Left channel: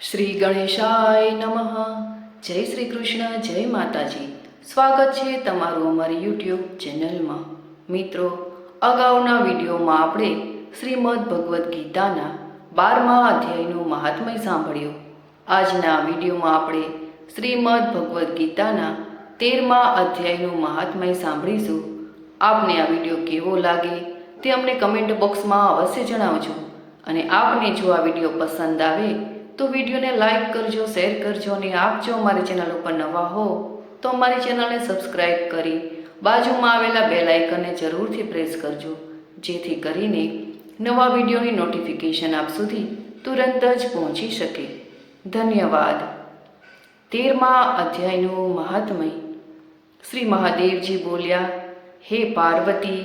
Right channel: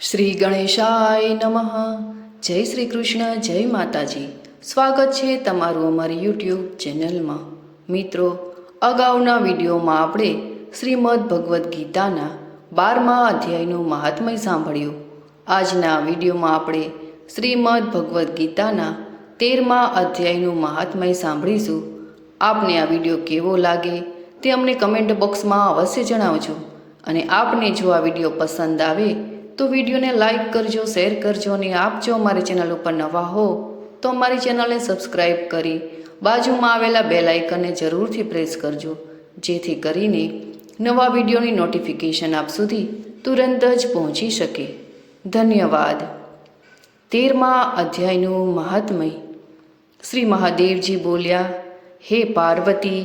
શ્રી ગણેશાય નમઃ. જય શ્રી કૃષ્ણ, જય માતાજી. સ્વાગત છે તમારું અમારી યુટ્યુબ ચેનલમાં. મિત્રો, અગાઉના વિડીયોમાં આપણે શ્રીમદ ભગવદ્ ગીતાના બારમા અધ્યાયનું મહાત્મય સાંભળ્યું. આજના વિડીયોમાં આપણે શ્રીમદ ભગવદ્ ગીતાના તેરમા અધ્યાયનું મહાત્મય સાંભળીશું. આપને આ વીડિયો કેવો લાગે તે અમને કમેન્ટ બોક્સમાં અવશ્ય જણાવજો. અને આપને જો આ વીડિયો પસંદ આવે તો વિડીયોને લાઈક કરજો, શેર કરજો અને આપ જો અમારી ચેનલ ઉપર નવા હો, તો અમારી ચેનલને સબસ્ક્રાઈબ કરી બાજુમાં આવેલા બે લાઇકનને જરૂરથી પ્રેસ કરજો, જેથી કરીને નવા વિડીયોની નોટિફિકેશન આપ સુધી તુરંત જ પહોંચી શકે. ધન્યવાદ. તેરમા અધ્યાયનું મહાત્મય. શ્રી મહાદેવજી બોલ્યા, હે પાર્વતી,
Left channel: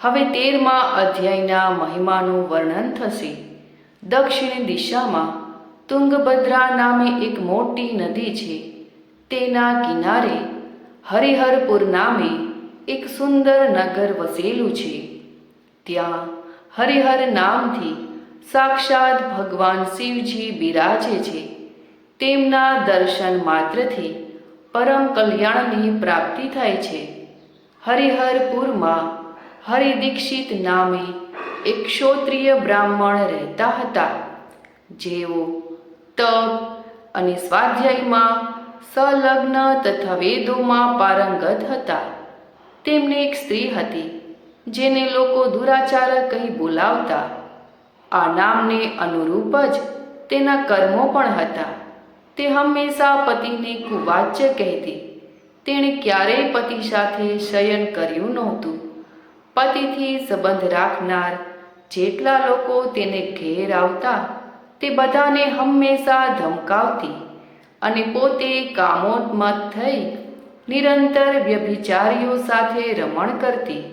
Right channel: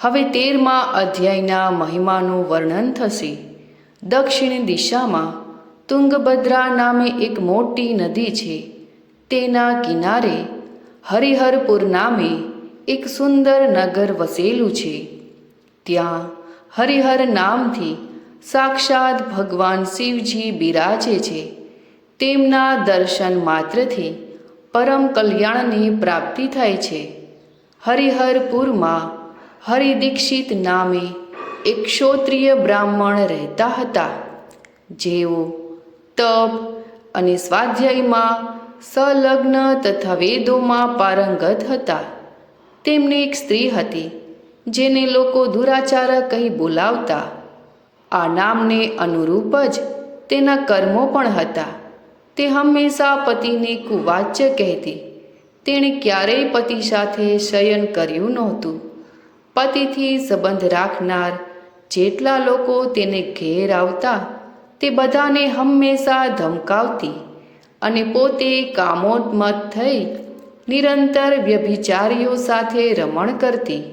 હવે તેરમા અધ્યાયના મહિમાનું વર્ણન થશે. દક્ષિણ દિશામાં તુંગભદ્રા નામે એક મોટી નદી છે. તેના કિનારે હરિહરપુર નામે એક સુંદર નગર વસેલું છે. ત્યાં હરિહર નામથી સાક્ષાત ભગવાન શિવજી બિરાજે છે. તેમના દર્શન માત્રથી પરમ કલ્યાણની પ્રાપ્તિ થાય છે. હરિહરપુરમાં હરિદીક્ષિત નામે એક ક્ષોત્રિય બ્રાહ્મણ રહેતા હતા. જેઓ તપ અને સ્વાધ્યાયમાં સંલગ્ન તથા વેદોમાં પારંગત હતા. તેમને એક સ્ત્રી હતી, જેને લોકો દુરાચાર કહી બોલાવતા. આ નામને અનુરૂપ જ તેના કર્મો પણ હતા. તે હંમેશા પતિને કુવાચ્ય કહેતી. તેણે ક્યારેય પતિ સાથે શયન કર્યું નહોતું. પતિથી સંબંધ રાખનાર જેટલા લોકો તેને ઘેર આવતા તે બધાને હંમેશા ધમકાવતી અને પોતે કામોન્મત થઈ નિરંતર વ્યભિચારીઓ સાથે રમણ કરતી.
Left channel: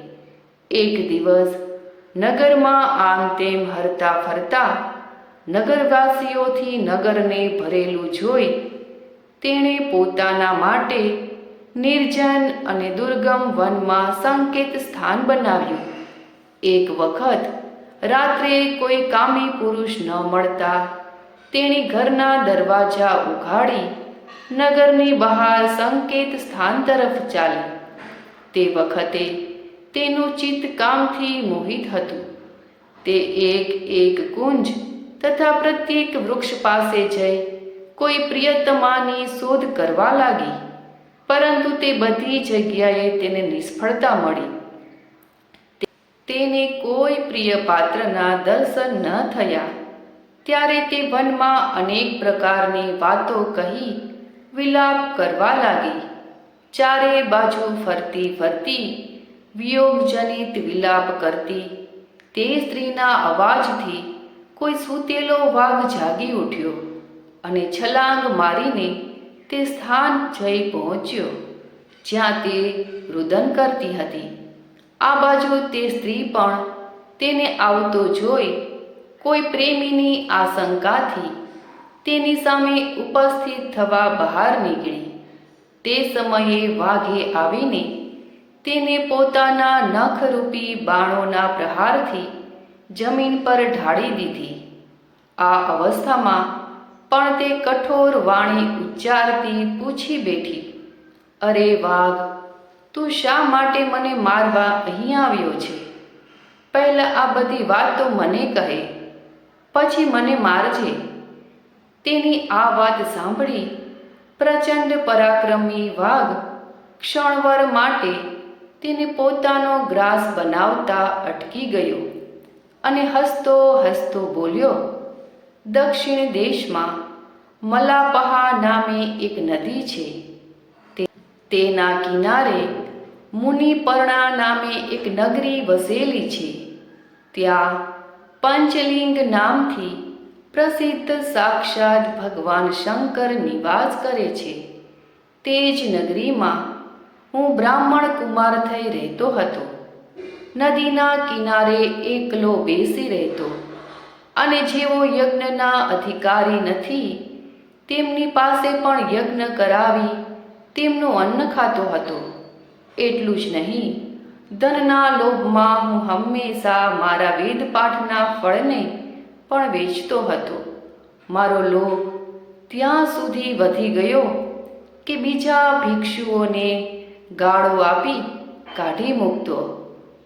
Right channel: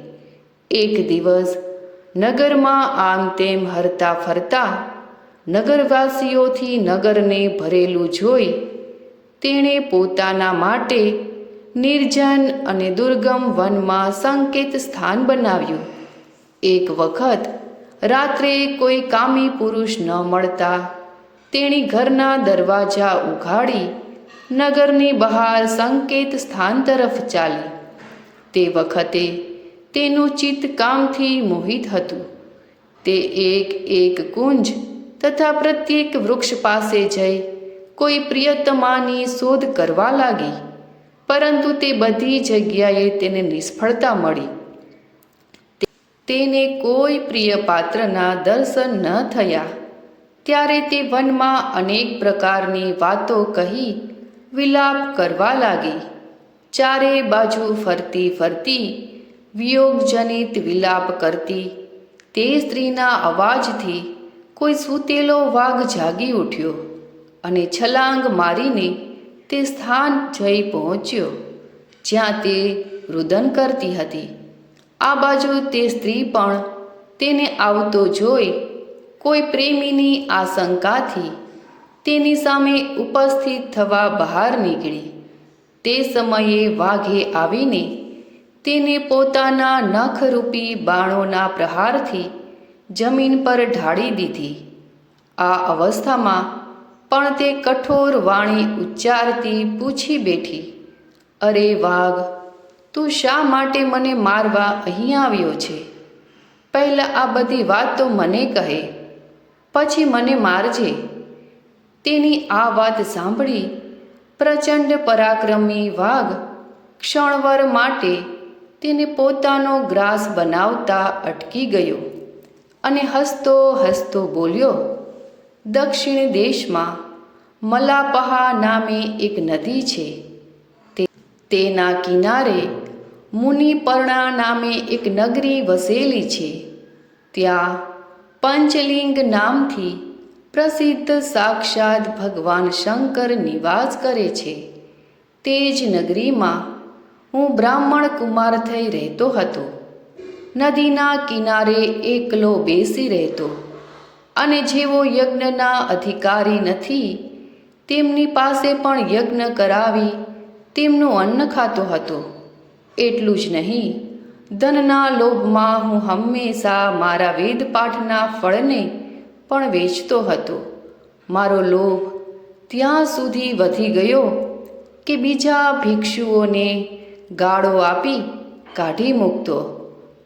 એક દિવસ નગરમાં આમ તેમ હરતા ફરતા નગરવાસીઓથી નગરને ભરેલું જોઈ તેણે પોતાના માટે નિર્જન અને દુર્ગમ વનમાં સંકેત સ્થાન બનાવ્યું. એક વખત રાત્રે કોઈ કામી પુરુષ ન મળતા. તેણી ઘરના દરવાજા ઉઘાડી, નગરની બહાર સંકેત સ્થાન તરફ ચાલી. તે વખતે તેનું ચિત્ત કામથી મોહિત હતું. તે એક એક કુંજ તથા પ્રત્યેક વૃક્ષ પાસે જઈ કોઈ પ્રિયતમાની શોધ કરવા લાગી. પરંતુ તે બધી જગ્યાએ તેને નિષ્ફળતા મળી. તેને કોઈ પ્રિય પાત્રના દર્શન ન થયા. ત્યારે તે વનમાં અનેક પ્રકારની વાતો કહી વિલાપ કરવા લાગી. ચારે બાજુ ફરતી ફરતી વિયોગજનિત વિલાપ કરતી તે સ્ત્રીના અવાજથી કોઈ સૂતેલો વાઘ જાગી ઉઠ્યો અને છલાંગ મારીને તે સ્થાન જઈ પહોંચ્યો, જ્યાં તે રુદન કરતી હતી. આ બાજુ તે સ્ત્રી પણ તેને આવતો જોઈ કોઈ પ્રેમીની આશંકાથી તેની સામે ઉપસ્થિત થવા બહાર નીકળી. તે સમયે વાઘે આવીને તેને પોતાના નખરૂપી બાણોના પ્રહારથી જમીન પર ઢાળી દીધી. આ અવસ્થામાં પણ તે કઠોર વાણી ઉચ્ચારતી પૂછી બેઠી, અરે વાઘ તું શા માટે મને મારવા અહીં આવ્યો છે? પહેલાં આ બધી વાત તો મને કહે, પછી મને મારજે. તેની આ વાત સાંભળી, પ્રચંડ પરાક્રમી વાઘ ક્ષણવર માટે તેને પોતાનો ગ્રાસ બનાવતા અટકી ગયો અને હસતો હસતો બોલ્યો, દક્ષિણ દેશમાં મલાપહા નામે એક નદી છે. તેના કિનારે મુનિપર્ણા નામે એક નગરી વસેલી છે. ત્યાં પંચલિંગ નામથી પ્રસિદ્ધ સાક્ષાત ભગવાન શંકર નિવાસ કરે છે. તે જ નગરીમાં હું બ્રાહ્મણ કુમાર થઈ રહેતો હતો. નદીના કિનારે એકલો બેસી રહેતો. અને જેઓ યજ્ઞના અધિકારી નથી, તેમની પાસે પણ યજ્ઞ કરાવી તેમનું અન્ન ખાતો હતો. એટલું જ નહીં. ધનના લોભમાં હું હંમેશા મારા વેદપાઠના ફળને પણ વેચતો હતો. મારો લોભ ત્યાં સુધી વધી ગયો કે બીજા ભિક્ષુઓને ગાળો આપી કાઢી મૂકતો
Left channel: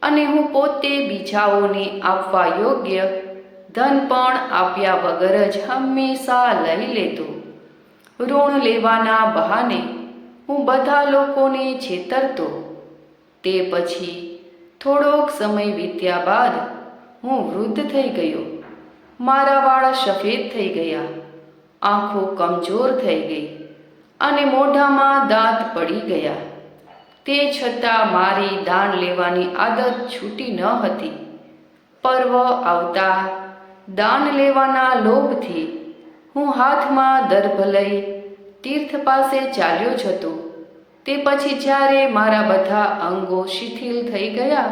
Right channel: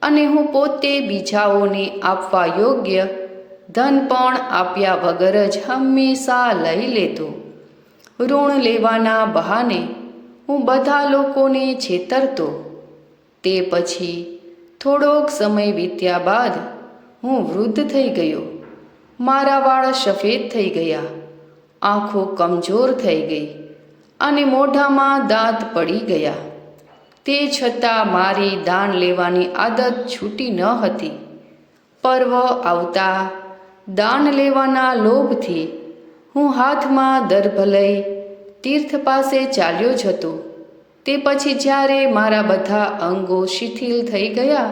અને હું પોતે બીજાઓને આપવા યોગ્ય ધન પણ આપ્યા વગર જ હંમેશા લઈ લેતો. ઋણ લેવાના બહાને હું બધા લોકોને છેતરતો. તે પછી થોડોક સમય વીત્યા બાદ હું વૃદ્ધ થઈ ગયો. મારા વાળ સફેદ થઈ ગયા. આંખો કમજોર થઈ ગઈ અને મોઢામાં દાંત પડી ગયા. તે છતાં મારી દાન લેવાની આદત છૂટી ન હતી. પર્વ આવતા દાન લેવાના લોભથી હું હાથમાં દર્ભ લઈ તીર્થ પાસે ચાલ્યો જતો. તે પછી જ્યારે મારા બધા અંગો શિથિલ થઈ ગયા,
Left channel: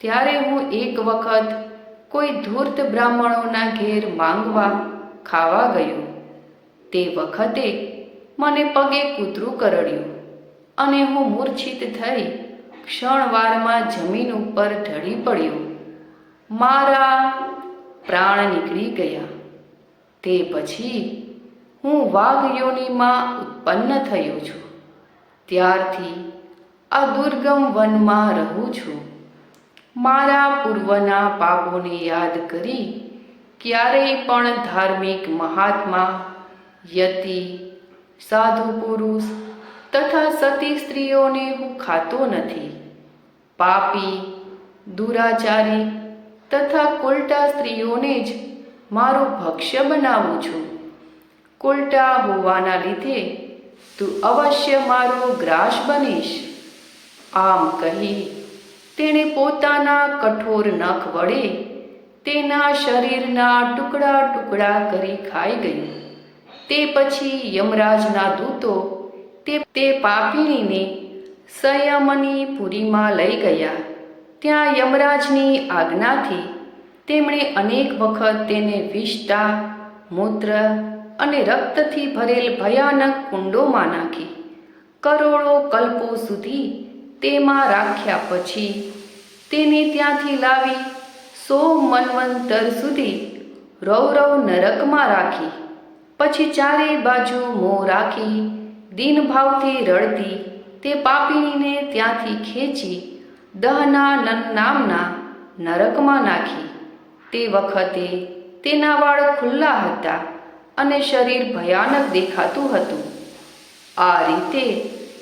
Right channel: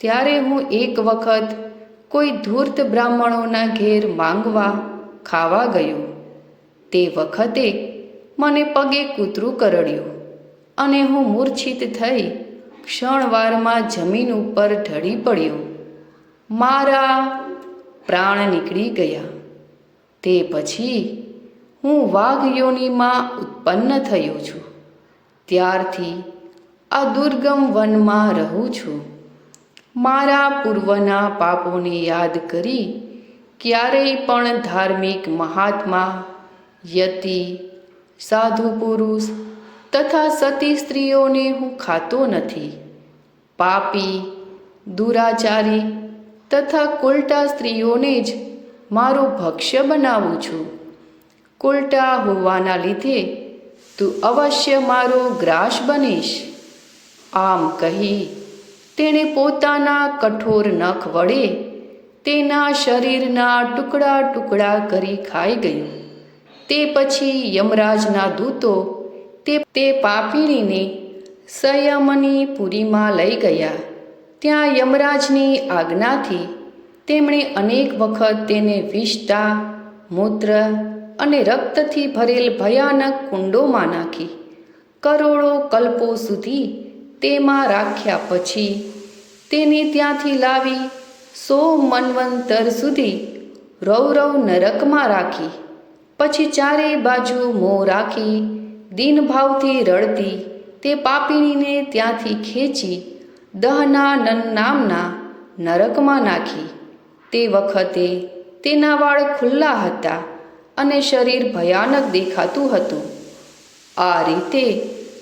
ત્યારે હું એક વખત કોઈ ધૂર્ત બ્રાહ્મણોના ઘેર માંગવા ખાવા ગયો. તે વખતે મને પગે કૂતરું કરડ્યું અને હું મૂર્છિત થઈ ક્ષણવારમાં જમીન ઉપર ઢળી પડ્યો. મારા પ્રાણ નીકળી ગયા. તે પછી હું વાઘ યોનિમાં ઉત્પન્ન થયો છું. ત્યારથી આ દુર્ગમ વનમાં રહું છું. મારા પૂર્વના પાપોને યાદ કરી ક્યારેય પણ ધાર્મિક મહાત્મા, યતિ, સાધુ પુરુષ તથા સતી સ્ત્રીઓને હું ખાતો નથી. પાપી, દુરાચારી તથા કોલટા સ્ત્રીઓને જ મારું ભક્ષ્ય બનાવું છું. કોલટા હોવાના લીધે તું અવશ્ય મારો ગ્રાસ બનીશ. આમ કહી તેણે પોતાના કઠોર નખ વડે તેના શરીરના ટુકડા ટુકડા કરી ખાઈ ગયું. તે પછી યમરાજના દૂતો તે તે પાપીણીને સંયમની પુરીમાં લઈ ગયા. ત્યાં યમરાજની આજ્ઞાથી તેમણે અનેક વખત તેને વિષતા મૂત્ર અને રક્તથી ભરેલ ભયાનક કુંડોમાં નાખી. કરોડો કલ્પો સુધી તેમાં રાખ્યા પછી તેને ત્યાંથી લાવી સો મન્વંતર સુધી રૌરવ નરકમાં રાખી. પછી ચારે બાજુ મોં રાખી, દિનભાવથી રડતી તે પાપીણીને ત્યાંથી ખેંચી દહનાનન નામના નરકમાં નાખી. તે વખતે તેના વાળ ખુલ્લા હતા. અને શરીર ભયાનક દેખાતું હતું. આ રીતે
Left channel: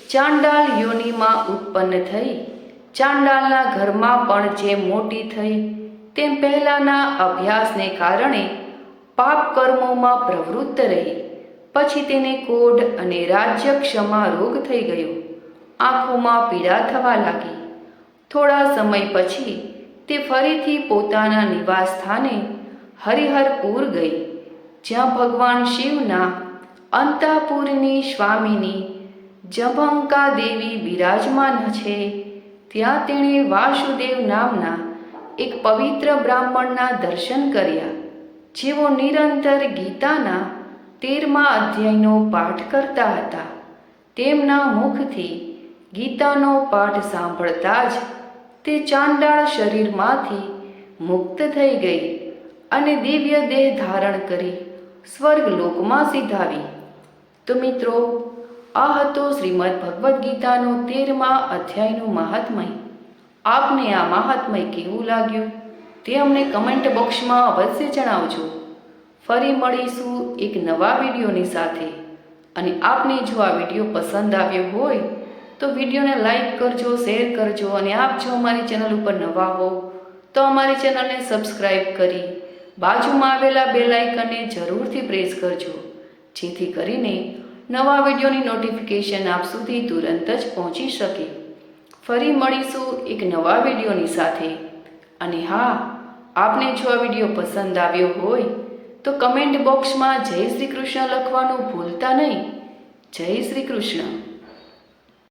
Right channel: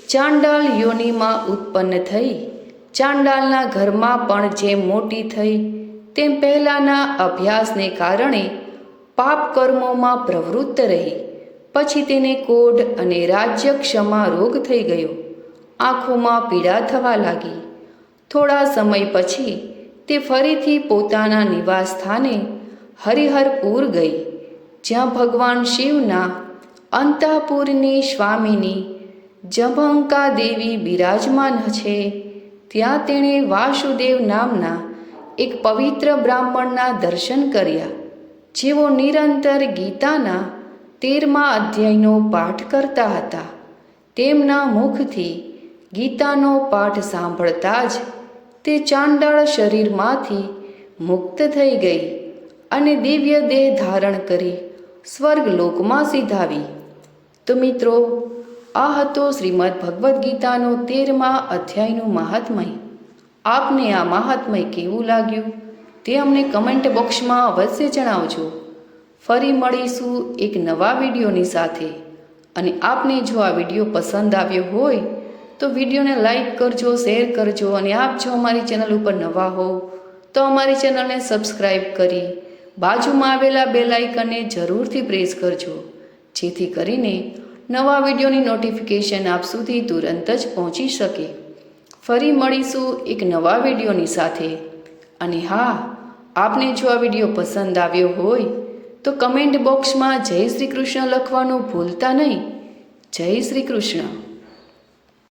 ચાંડાલ યોનિમાં ઉત્પન્ન થઈ, ચાંડાલના ઘરમાં પણ જેમ મોટી થઈ, તેમ પહેલાંના અભ્યાસને કારણે પાપ કર્મોમાં પ્રવૃત્ત રહી. પછી તેને કોઢ અને રાજ્ય ક્ષમા રોગ થઈ ગયો. આંખોમાં પીડા થવા લાગી. થોડા સમય પછી તે ફરીથી પોતાના નિવાસ સ્થાને હરિહરપુર ગઈ. જ્યાં ભગવાન શિવના અંતાપુરની સ્વામીની જભંકા દેવી બિરાજમાન છે, ત્યાં તેણે વાસુદેવ નામના એક પવિત્ર બ્રાહ્મણના દર્શન કર્યા, જેઓ નિરંતર ગીતાના તેરમા અધ્યાયનો પાઠ કરતા હતા. તેમના મુખથી ગીતાનો પાઠ સાંભળતા જ તે ચાંડાળ શરીરમાંથી મુક્ત થઈ ગઈ અને દિવ્ય દેહ ધારણ કરી સ્વર્ગલોકમાં સીધાવી. તો મિત્રો, આ હતો શ્રીમદ ભગવદ્ ગીતાનો તેરમા અધ્યાયનું મહાત્મય. આપને આ મહાત્મય કેવું લાગ્યું તે અમને કમેન્ટ બોક્સમાં અવશ્ય જણાવજો. ફરી મળીશું એક નવા વિડીયોની સાથે. અને આપને જો આ વીડિયો પસંદ આવ્યો હોય, તો વિડીયોને લાઈક કરજો, શેર કરજો અને આપ જો અમારી ચેનલ ઉપર નવા હો તો અમારી ચેનલને સબસ્ક્રાઈબ કરી બાજુમાં આવેલા બે લાઇકનને જરૂરથી પ્રેસ કરજો. જેથી કરીને નવા વિડીયોની નોટિફિકેશન આપ સુધી તુરંત જ પહોંચી શકે. ફરી મળીશું એક નવા વિડીયોની સાથે. અને હા, આપને જો આ વીડિયો પસંદ આવ્યો હોય, તો કમેન્ટ બોક્સમાં જય શ્રી કૃષ્ણ લખવાનું ભૂલતા નહીં. જય શ્રી કૃષ્ણ.